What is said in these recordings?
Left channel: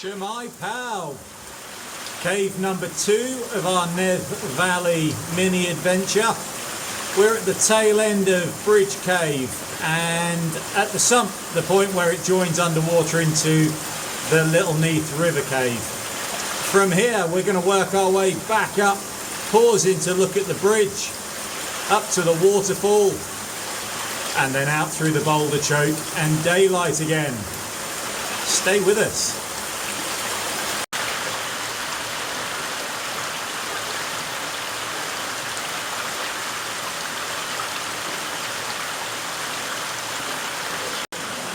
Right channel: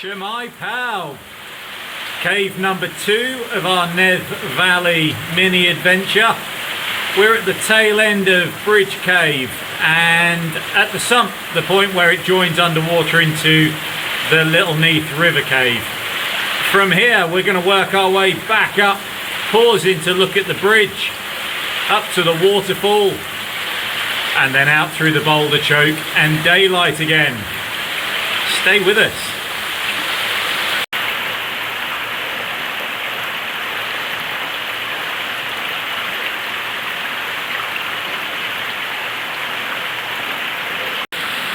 Shemai Pow! Cave number 2 of our Nedd Valley mini adventure. We're at the tail end of Bridge Cave and at the sump, the point where it joins underwater into the Little Neath River Cave. From here we're going to work our way back up, pausing to look at the bridge, up to the waterfall, and then out through the boulder choke and daylight again. Stay with us.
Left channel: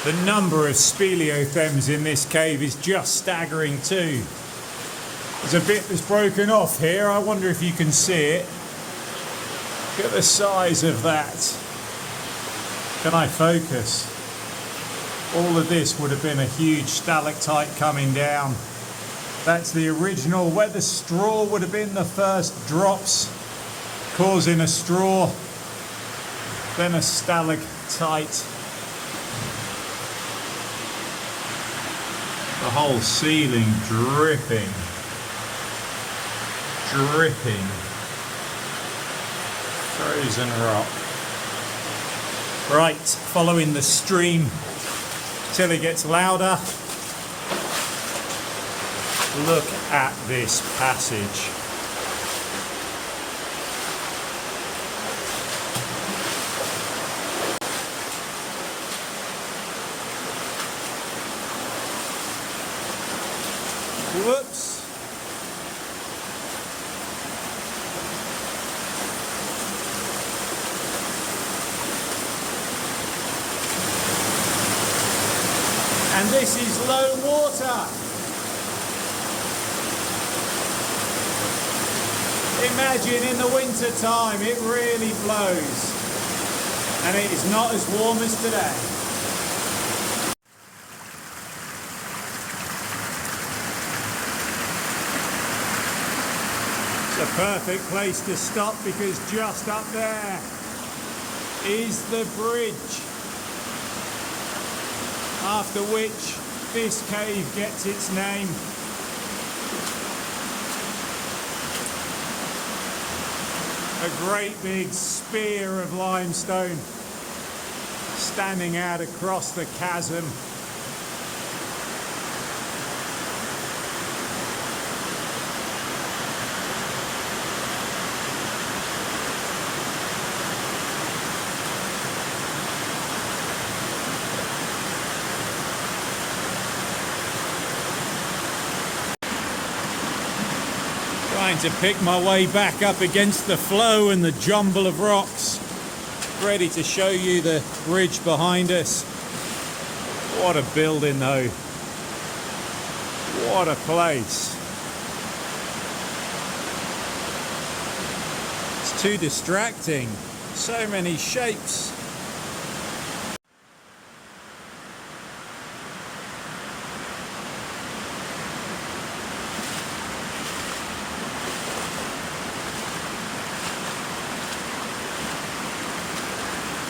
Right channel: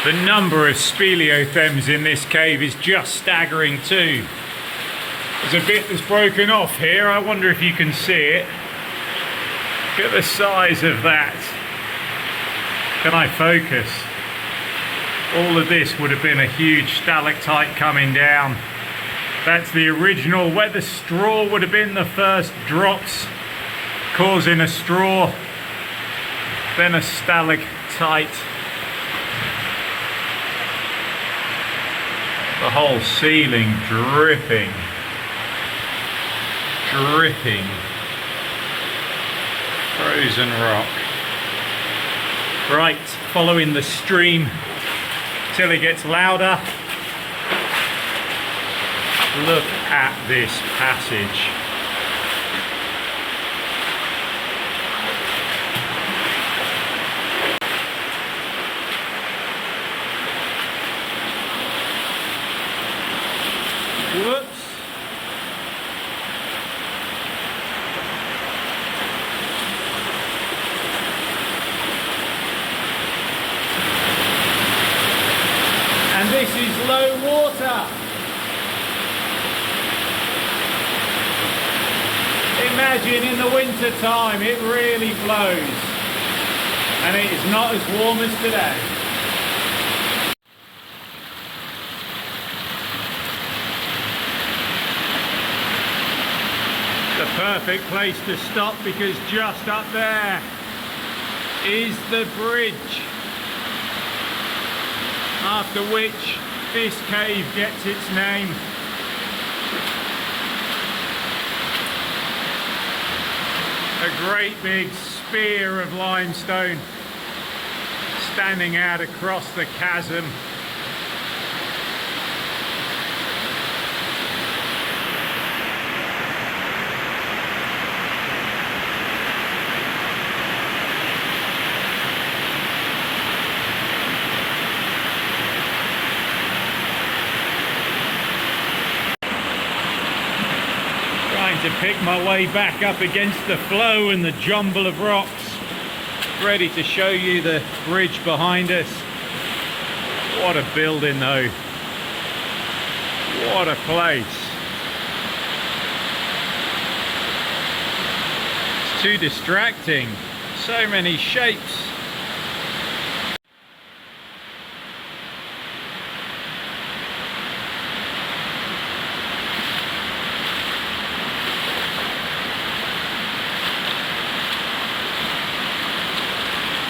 The number of speleothems in this cave is just staggering too. There's a bit that's broken off here. I wonder if you can see it. Look at the size of that. Can I focus? All of this would have been a huge stalactite coming down. That's the original, where the straw would have been the first drops, causing a straw, then a stalactite. The whole ceiling dripping. Frozen rock. Right, following the stream till it gets louder. Look at this passage. Whoops. And this is low water. Imagine in the winter time it really flows. And it is not as warm as today. It's a perfect place to stop because just up there is the bridge, after which this cave gets its name. A great big spear of limestone standing out across the chasm. Trying to pick my way back up against the flow and the jumble of rocks. Ready to show you the bridge behind us. What a building though. What a place. It's too distracting. So many shapes.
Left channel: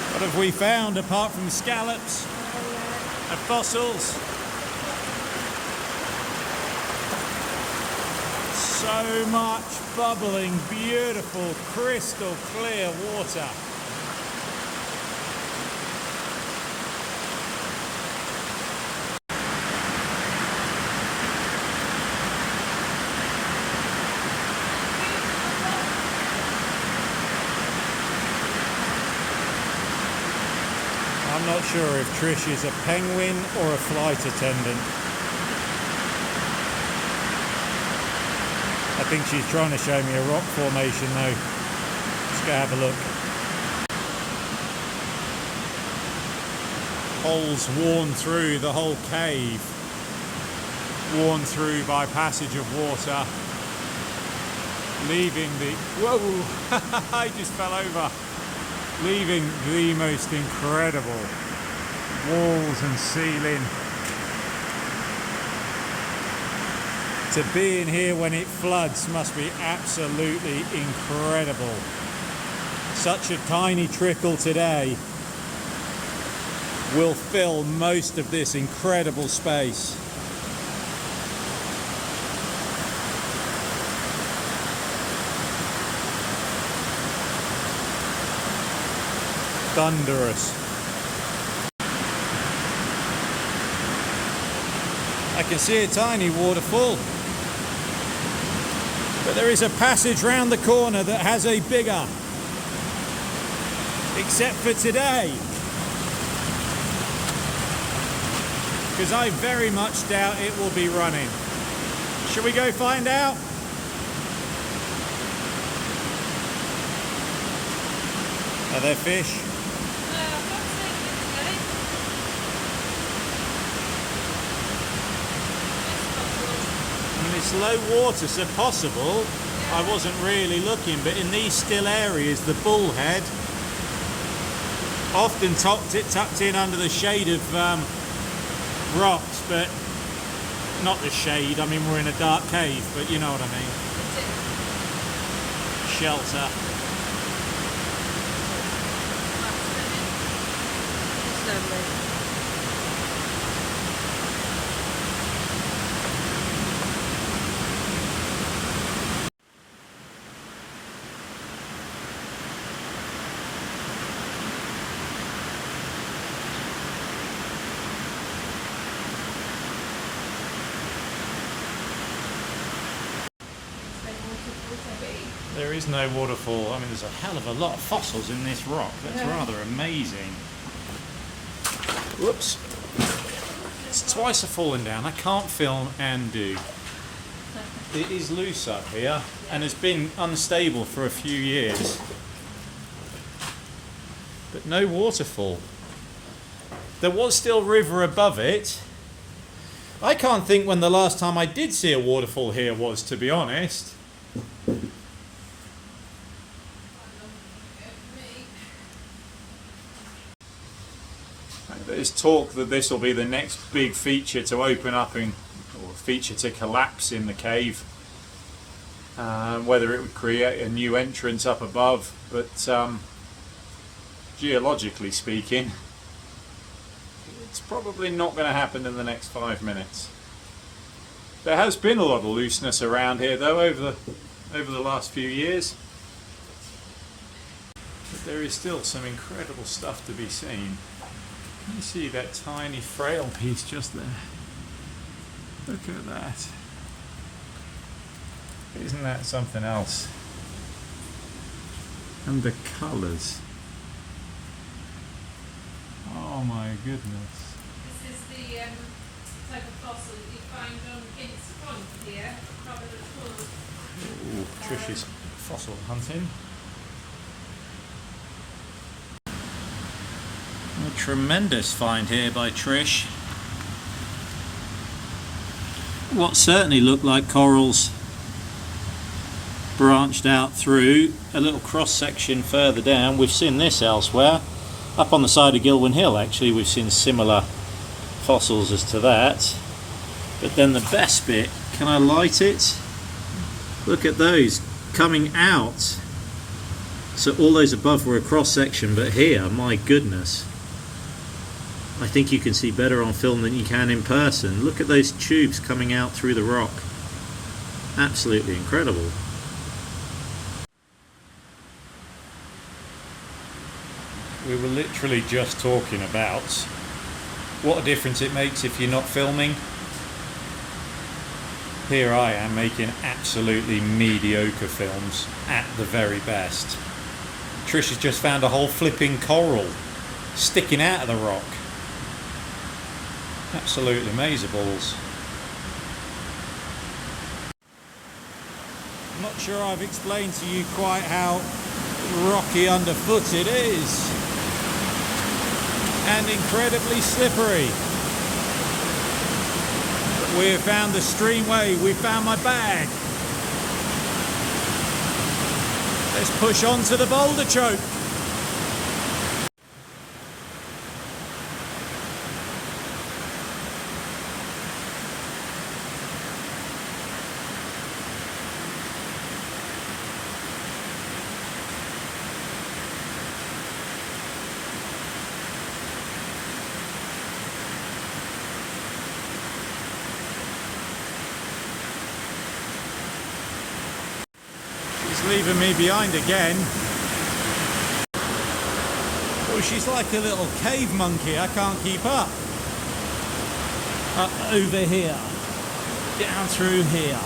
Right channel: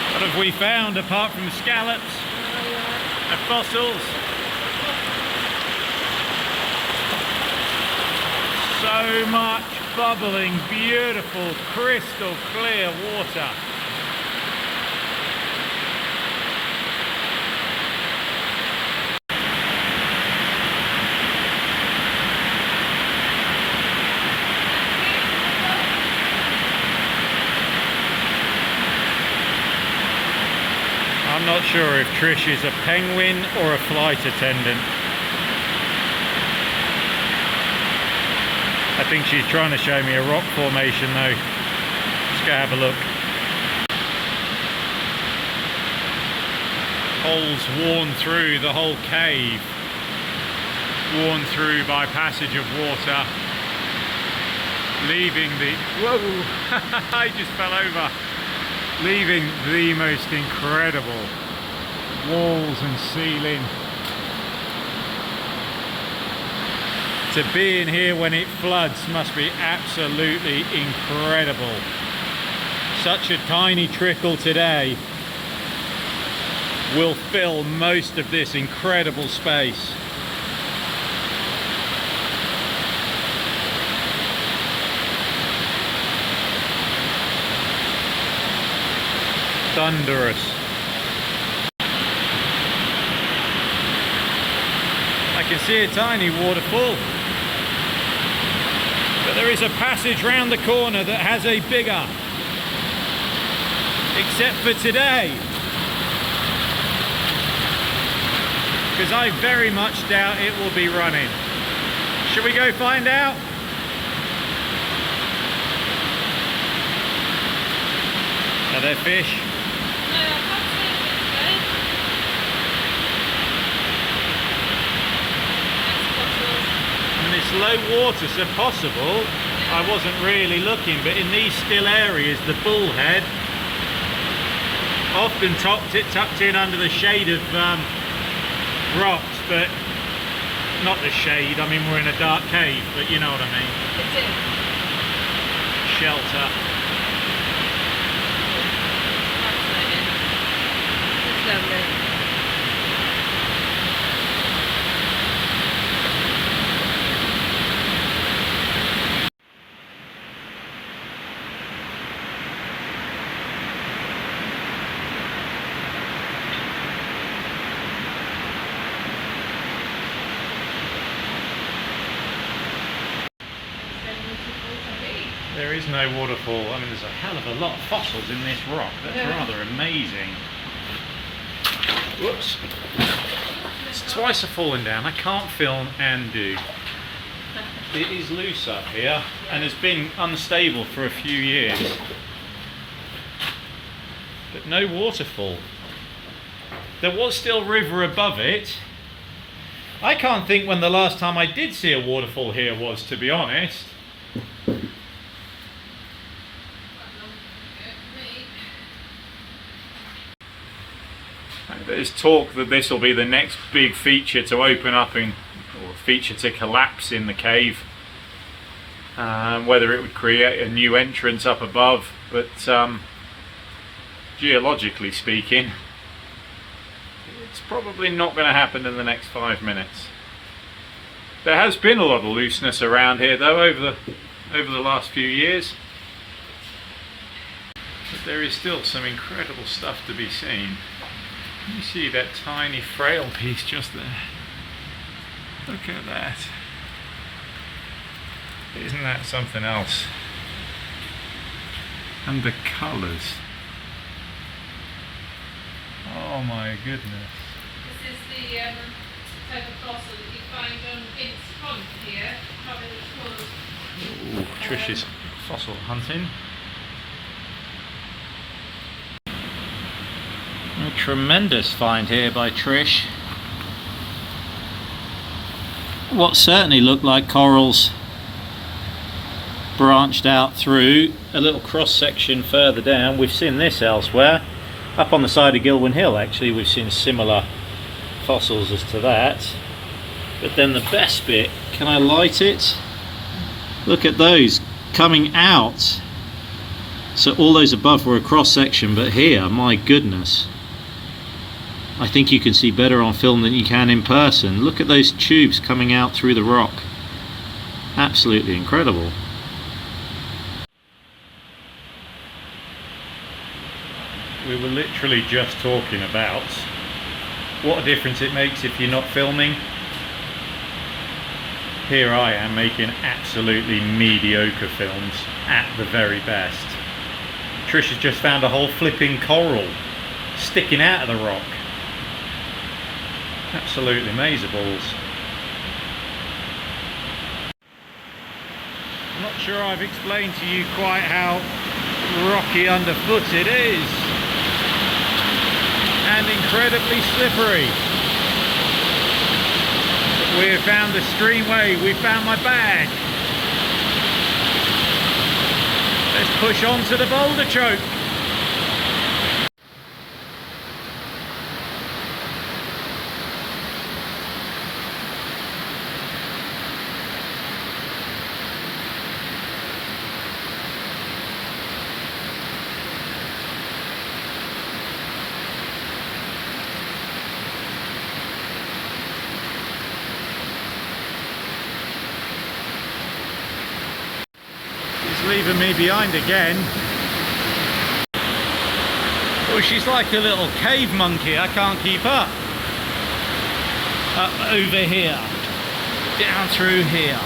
What have we found apart from scallops and fossils? So much bubbling, beautiful, crystal clear water. I'm not sure if Trish is a penguin or a flight attendant. I think she's trying to show me a rock formation though. Let's go have a look. Holes worn through the whole cave. Worn through by passage of water. Leaving the... Whoa! I just fell over. Leaving the most incredible walls and ceiling. To be in here when it floods must be absolutely incredible. Such a tiny trickle today will fill most of this incredible space. thunderous. I can see a tiny waterfall, but there is a passage round the corner that has a bigger, except for today, because I very much doubt it will be running. Shall we go find out? Are there fish? I mean, it's low water, so possible. I wasn't really looking, but in these still areas, the bullhead often tucked in under the shade of rocks, but not the shade. I mean, we're in a dark cave, but you know what I mean. Shelter. It's lovely. There is no waterfall. I mean, there's a hell of a lot of fossils in this rock. That's rather amazing. Whoops. It's twice I've fallen down. I can't film and do. It is loose up here and has been unstable for a few years. But no waterfall. There was still river above it. I can't think when the last time I did see a waterfall here was, to be honest. There's talk that this will be the next big feature to open up in, or feature to collapse in the cave. Whether it would create a new entrance up above, but geologically speaking, it's probably not going to happen in the next 5 minutes. There has been a lot of looseness around here though over the last few years. But there is still some incredible stuff to be seen. You see that tiny frail piece just there. Look at that. Isn't that something else? And the colours. Oh my goodness. This is the type of fossil that you find on Vince Pond here, covered in Ooh, Trish's fossil hunting. A tremendous find here by Trish. What certainly looked like corals branched out through a little cross section further down. We've seen this elsewhere. Up on the side of Gilwyn Hill actually we've seen similar fossils as to that. But then the best bit, can I light it? Look at those coming out. So all those above were a cross section, but here, my goodness. I think you can see better on film than you can in person. Look at those tubes coming out through the rock. Absolutely incredible. We were literally just talking about what a difference it makes if you're not filming. Here I am making absolutely mediocre films at the very best. Trish has just found a whole flipping coral sticking out of the rock. Absolutely amazeballs. I'm not sure I've explained to you quite how rocky underfoot it is. And incredibly slippery. But we've found the streamway, we've found my bag. Let's push on to the boulder choke. Leaving me behind again. Oh, she's like a little cave monkey. I can't keep up. Up over here. Down through here.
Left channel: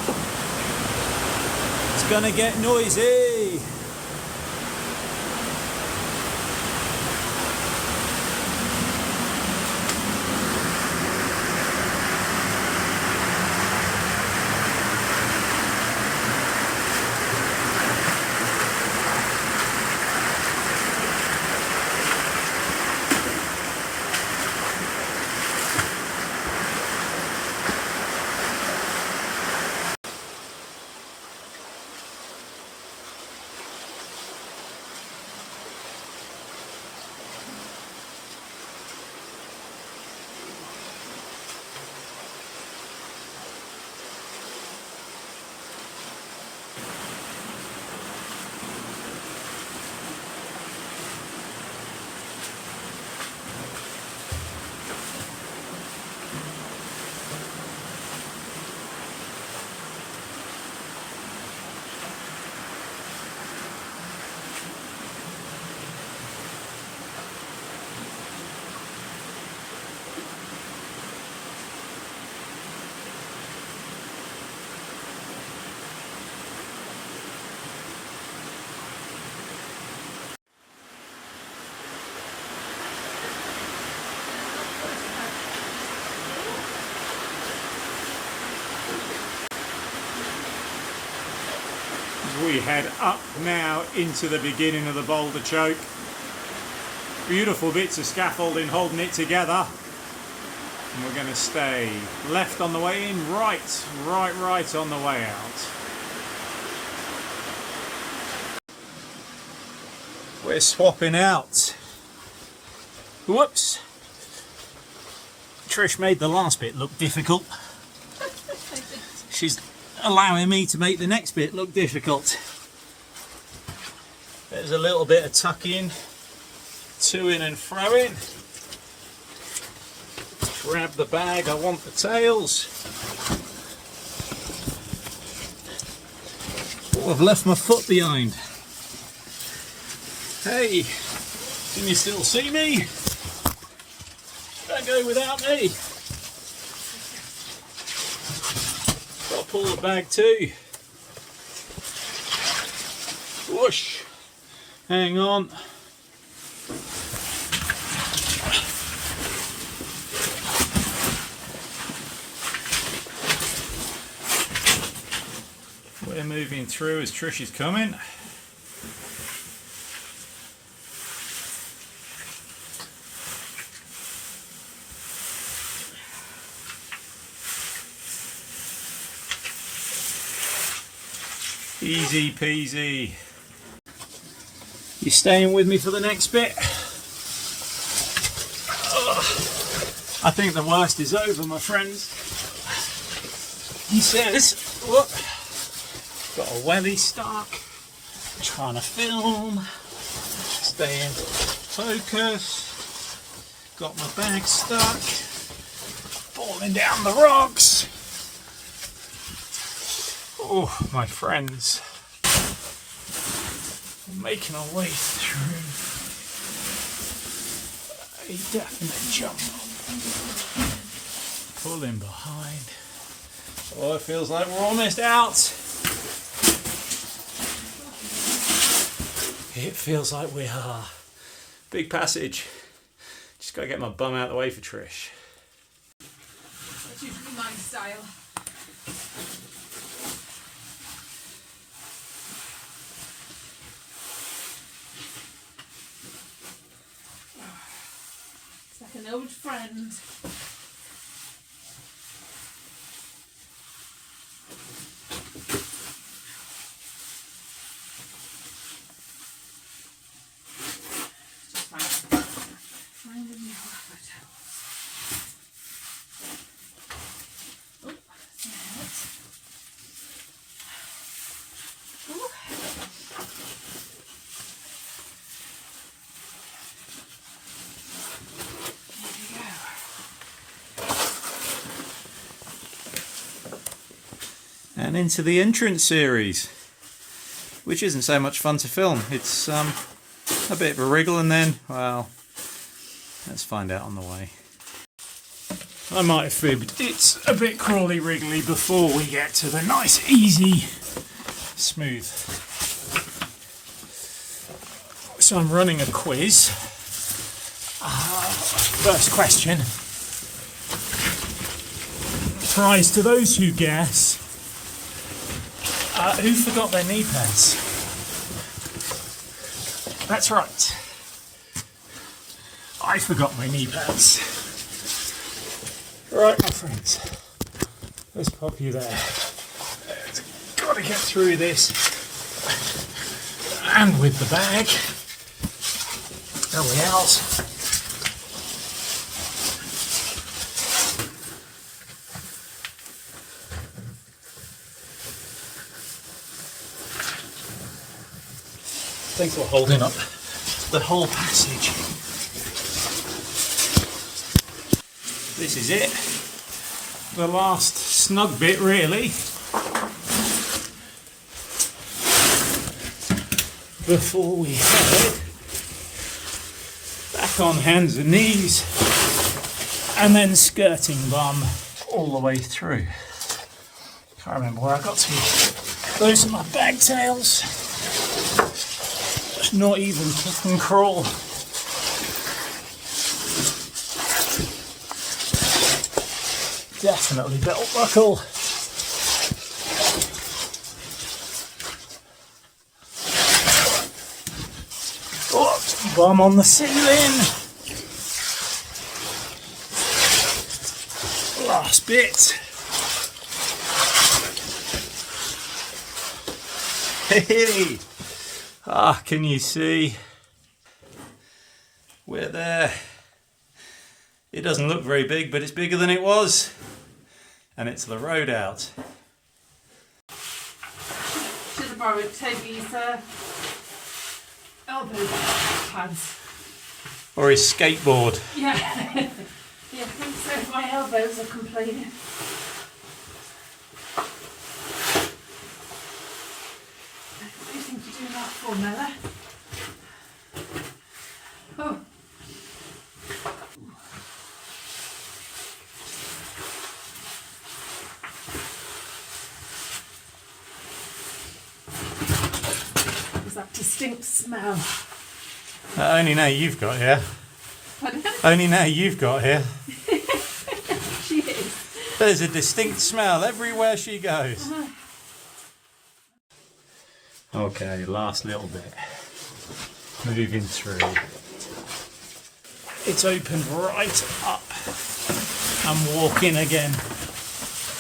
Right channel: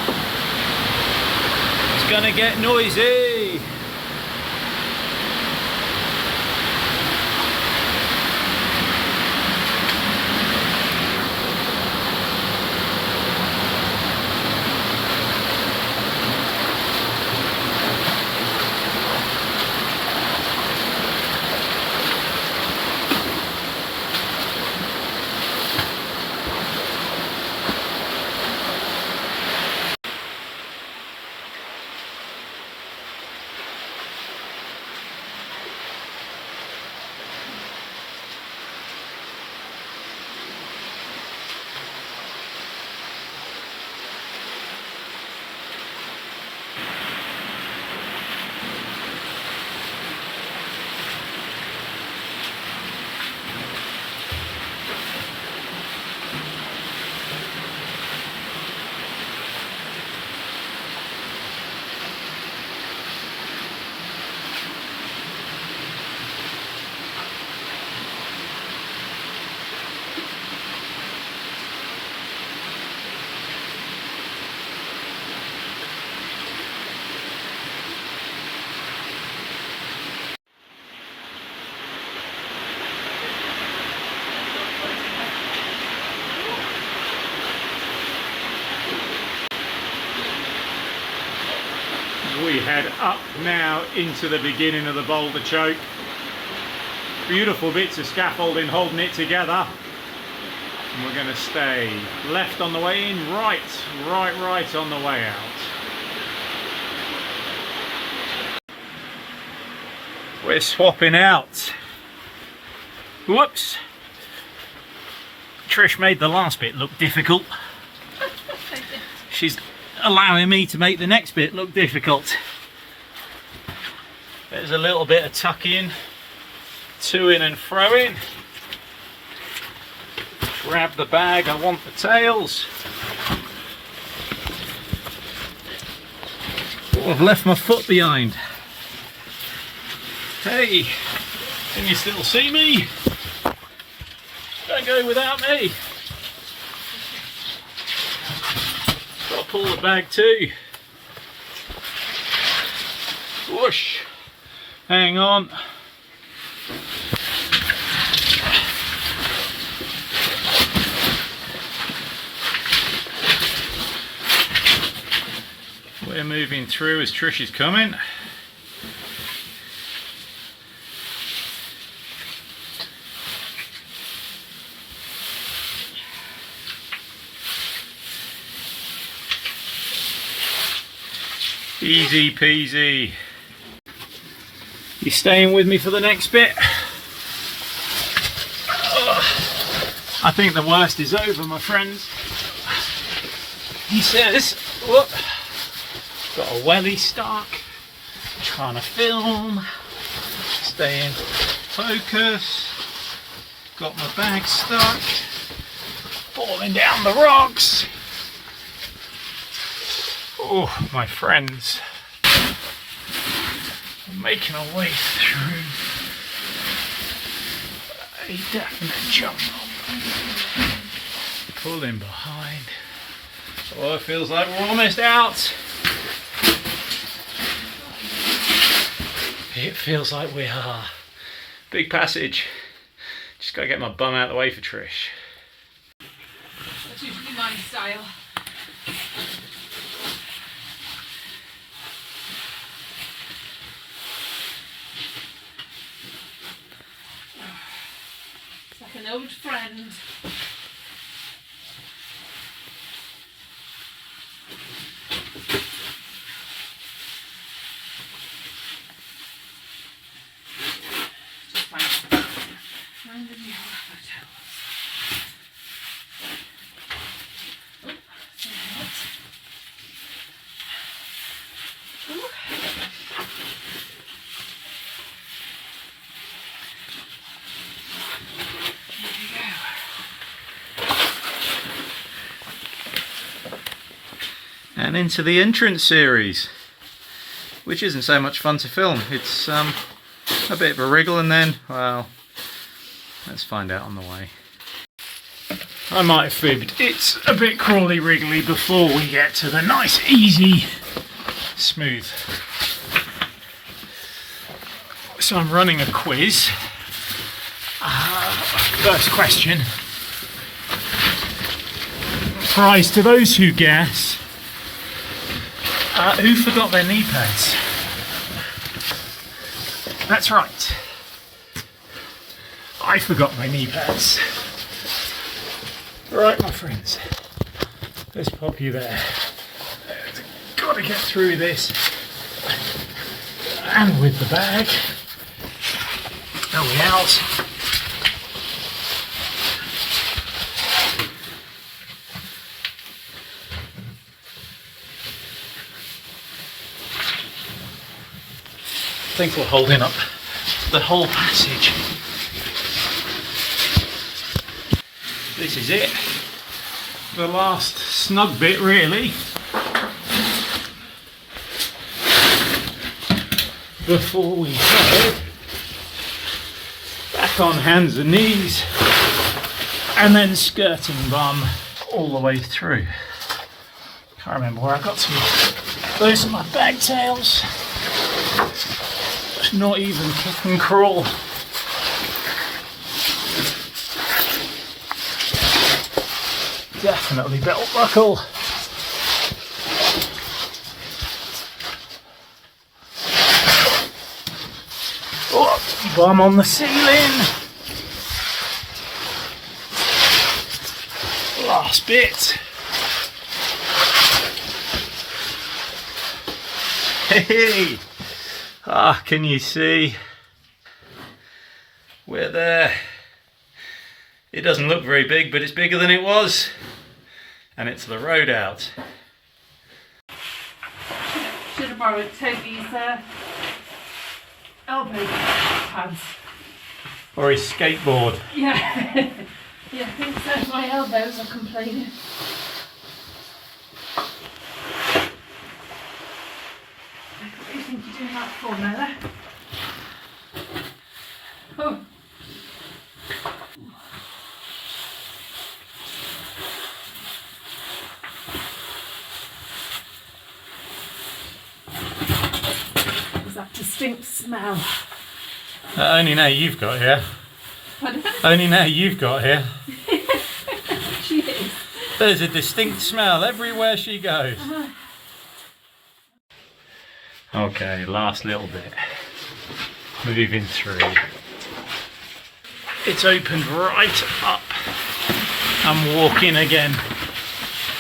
It's gonna get noisy. We head up now into the beginning of the boulder choke. Beautiful bits of scaffolding holding it together. And we're going to stay left on the way in, right on the way out. We're swapping out. Whoops. Trish made the last bit look difficult. She's allowing me to make the next bit look difficult. There's a little bit of tucking, to in and fro in. Grab the bag, I want the tails. Oh, I've left my foot behind. Hey, can you still see me? Don't go without me. I'll pull the bag too. Whoosh. Hang on. We're moving through as Trish is coming. Easy peasy. You staying with me for the next bit? I think the worst is over, my friends. He says, look, got a welly stuck, trying to film, stay in focus, got my bag stuck, falling down the rocks. Oh, my friends, I'm making our way through a definite jungle. Pulling behind. Oh, it feels like we're almost out. It feels like we are. Big passage. Just gotta get my bum out of the way for Trish. That's usually my style. It's like an old friend. Find a new hotel. Oh, that's it. Ooh. There you go. And into the entrance series, which isn't so much fun to film. It's a bit of a wriggle and then, well, Let's find out on the way. I might have fibbed. It's a bit crawly wriggly before we get to the nice, easy, smooth. So I'm running a quiz. First question. Prize to those who guess. Who forgot their knee pads? That's right. I forgot my knee pads. Right, my friends. Let's pop you there. Got to get through this. And with the bag. Are we out? I think we're holding up the whole passage. This is it. The last snug bit, really. Before we head back on hands and knees and then skirting bum all the way through. Can't remember where I got to. Those are my bag tails. Not even kick and crawl. Definitely belt buckle. Oh, bum on the ceiling. Last bit. Hey! Ah, can you see? We're there. It doesn't look very big, but it's bigger than it was. And it's the road out. Should have borrowed Toby's elbow pads. Or his skateboard. Yeah. Yeah, I think so. My elbows are complaining. What do you think you're doing that for, Mella? Oh. Was that distinct smell? Only now you've got here. Pardon? Only now you've got here. She is. There's a distinct smell everywhere she goes. Okay, last little bit. Moving through. It's opened right up. I'm walking again.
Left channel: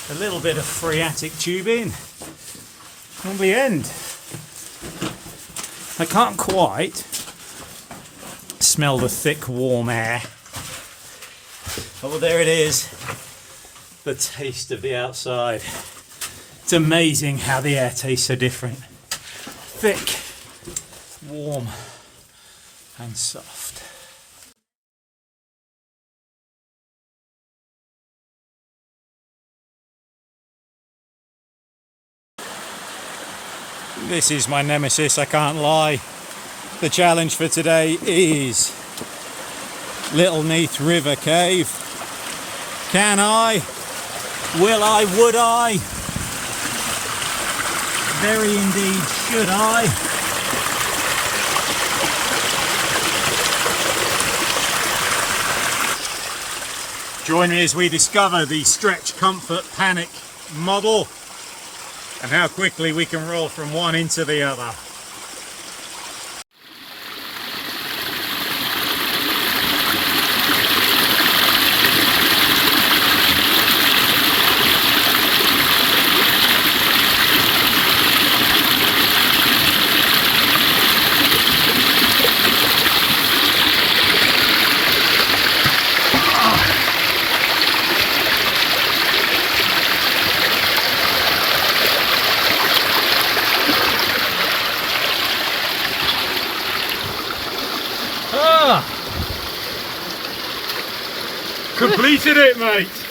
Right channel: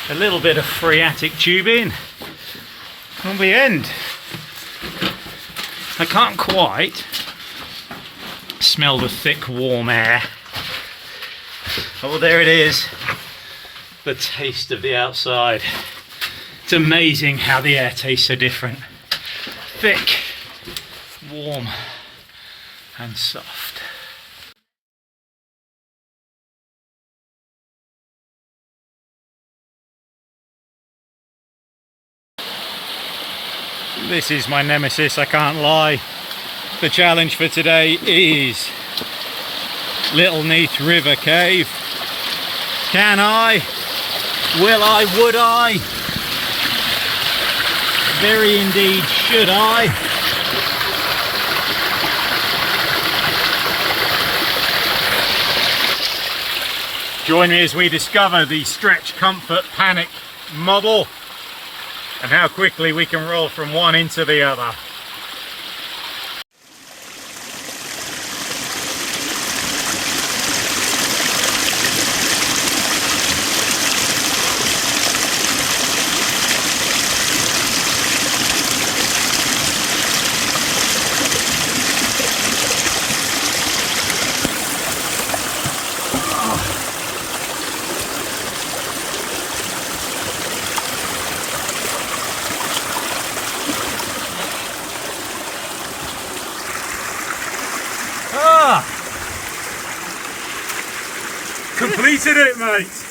A little bit of phreatic tubing. On the end. I can't quite smell the thick warm air. Oh, there it is. The taste of the outside. It's amazing how the air tastes so different. Thick, warm and soft. This is my nemesis, I can't lie. The challenge for today is Little Neath River Cave. Can I? Will I? Would I? Very indeed should I. Join me as we discover the Stretch Comfort Panic model and how quickly we can roll from one into the other. Completed it, mate.